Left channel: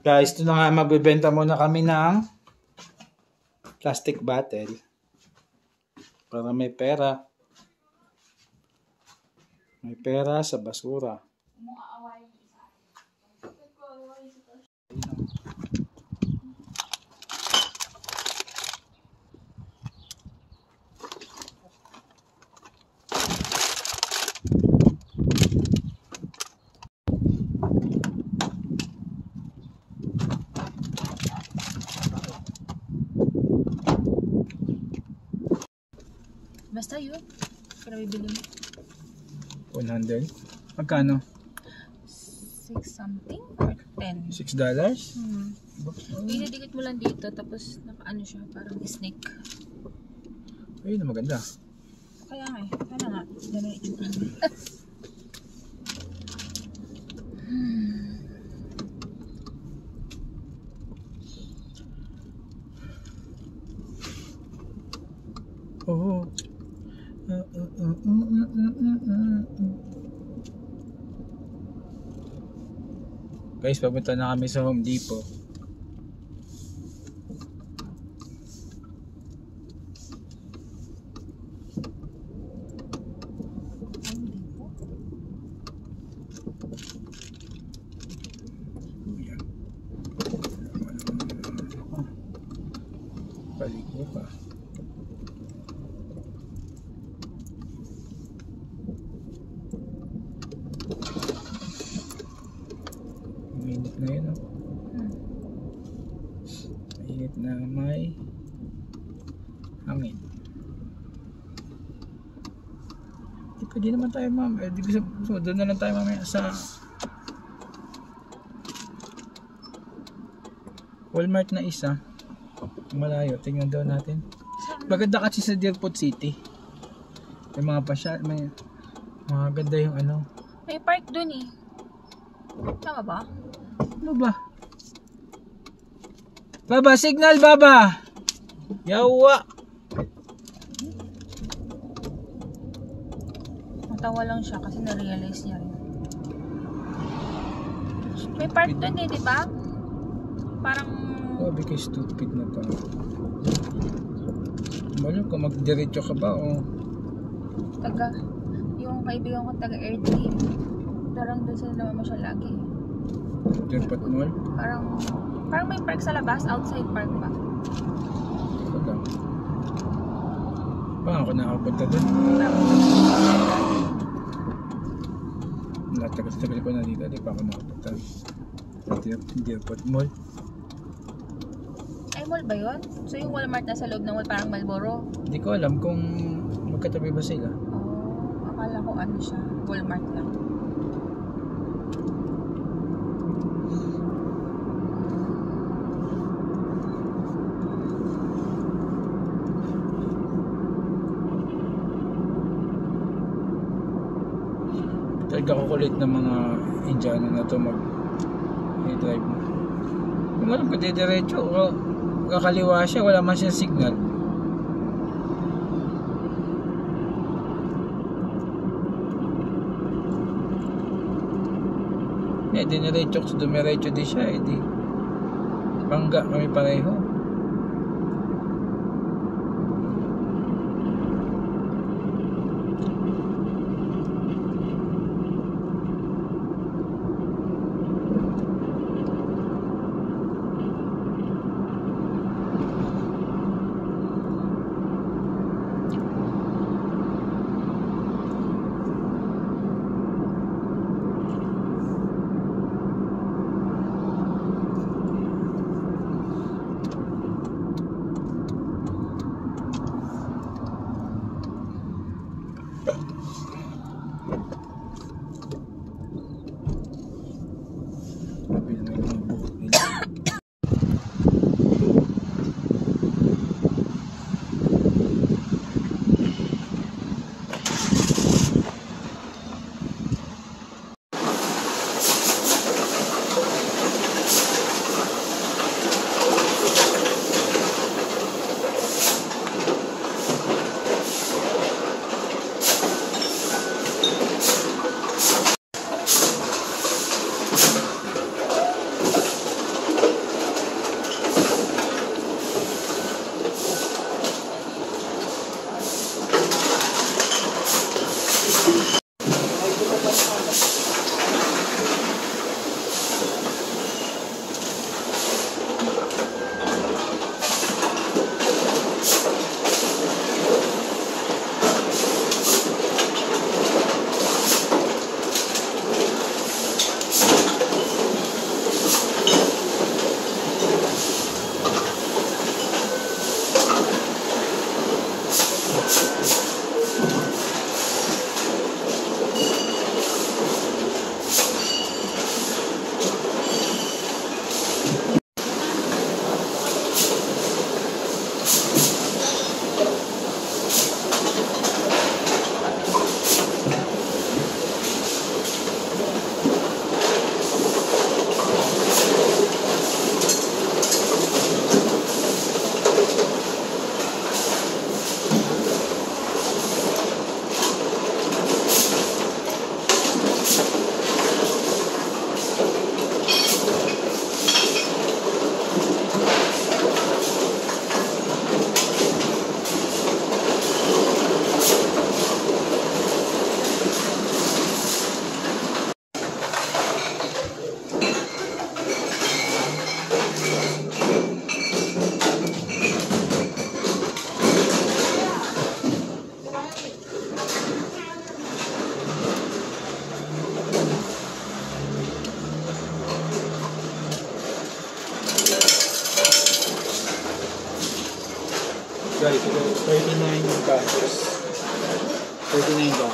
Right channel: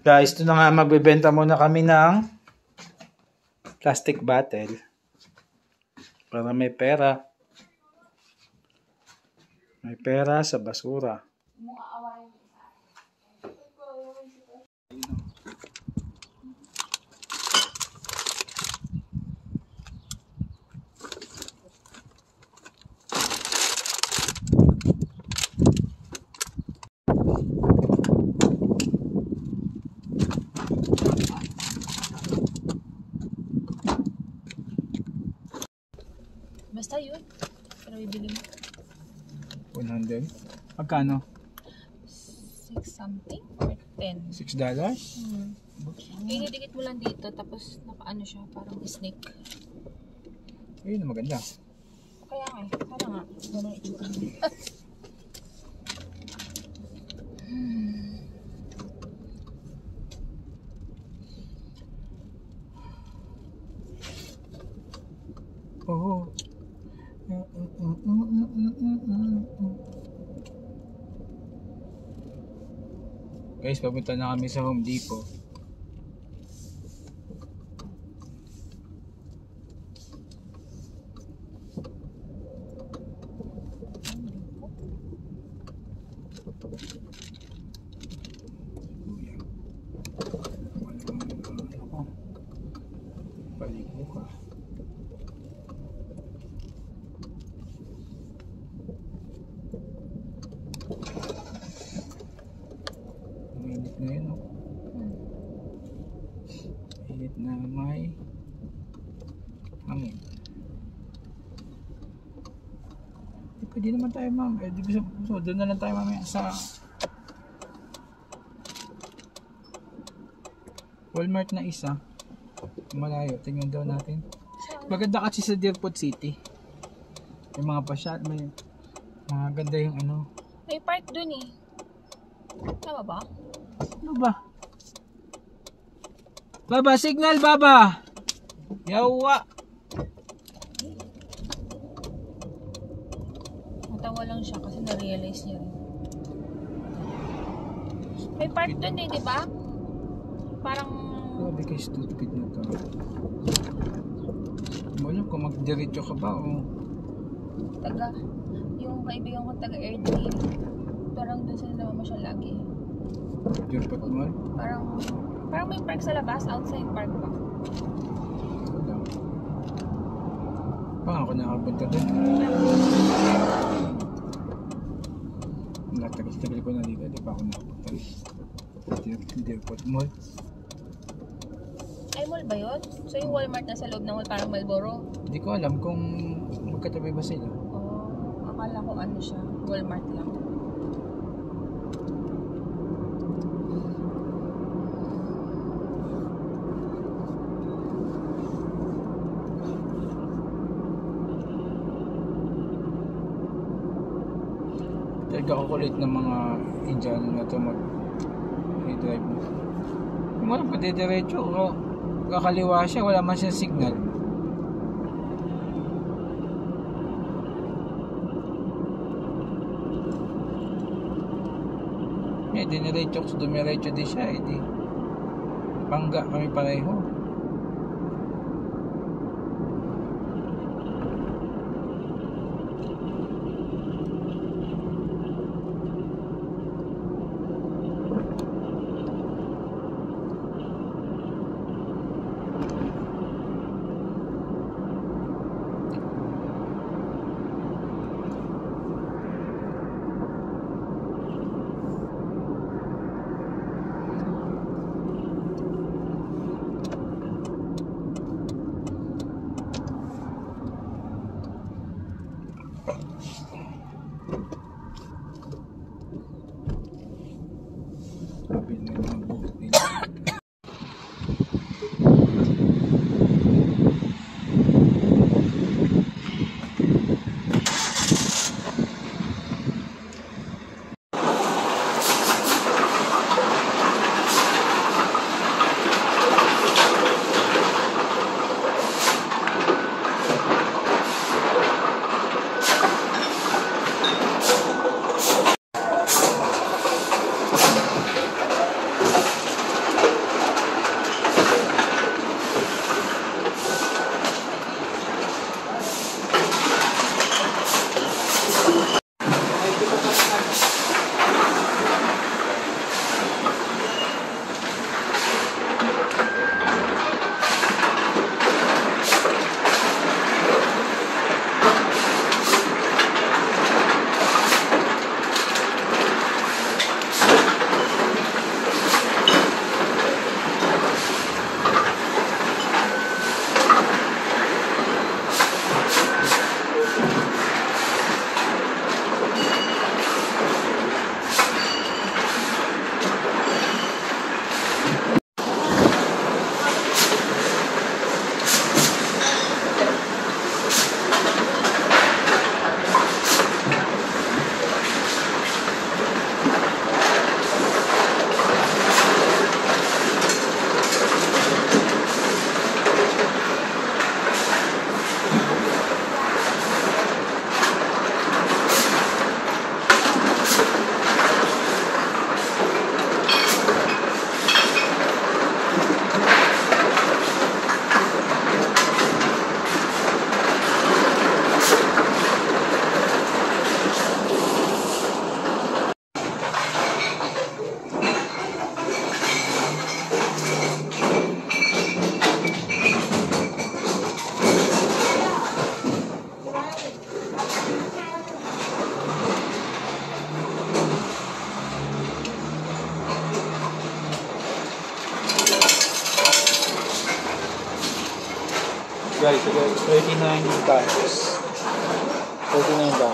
Guys, ito na nga, mabibenta muna kami ng plastic bottle para may pera. May pera sa basura. Basta yun. Pero bibili mo. 100. Magkano? 6 something or 10. $6? Pinidikit mo lang dito tapos nakaano siya parang snake. Ayun, maganda. Kaya nga eh. Kaya nga. Ganun itsura. Oh. Guys, papunta na kami sa Home Depot. Paligo ka. Mainit na yun, oh. Mainit na may hangin. Di pwede naman tayo, ma'am. Di gusto doon na lang tayo mamaya sa Walmart na isa. Malayo, tingnan daw natin. Maganda kasi sa Deerfoot City. May mga pasya, may mga ganda yung ano. May park dun eh. Tama ba? Ano ba? Baba, signal baba! Yawa! Natawa lang siya kasi na-realize niya rin. May park dun eh, di ba? Parang... Sabi kay stupid na to. Malo ko, magdiretso ka ba o? Taga, yung kaibigan ko taga Airtree. Parang doon sila naman siya lagi. Deerfoot Mall? Parang may park sa labas, outside park ba? Wala. Baka ako nakapunta doon. Tagal-tagal ko na dito, di pa ako nakapunta. Deerfoot Mall. Ay, mall ba yun? So yung Walmart na sa loob ng mall, parang Marlboro? Hindi ko alam kung magkatabi ba sila. Oh, akala ko ano siya, Walmart lang. Talaga kukulit ng mga Indiano na to mag-drive mo. Hindi mo alam kung didiretso o kakaliwa siya, wala man siya signal. Diniretso ko, dumiretso din siya, di bangga kami pareho. $39. $39.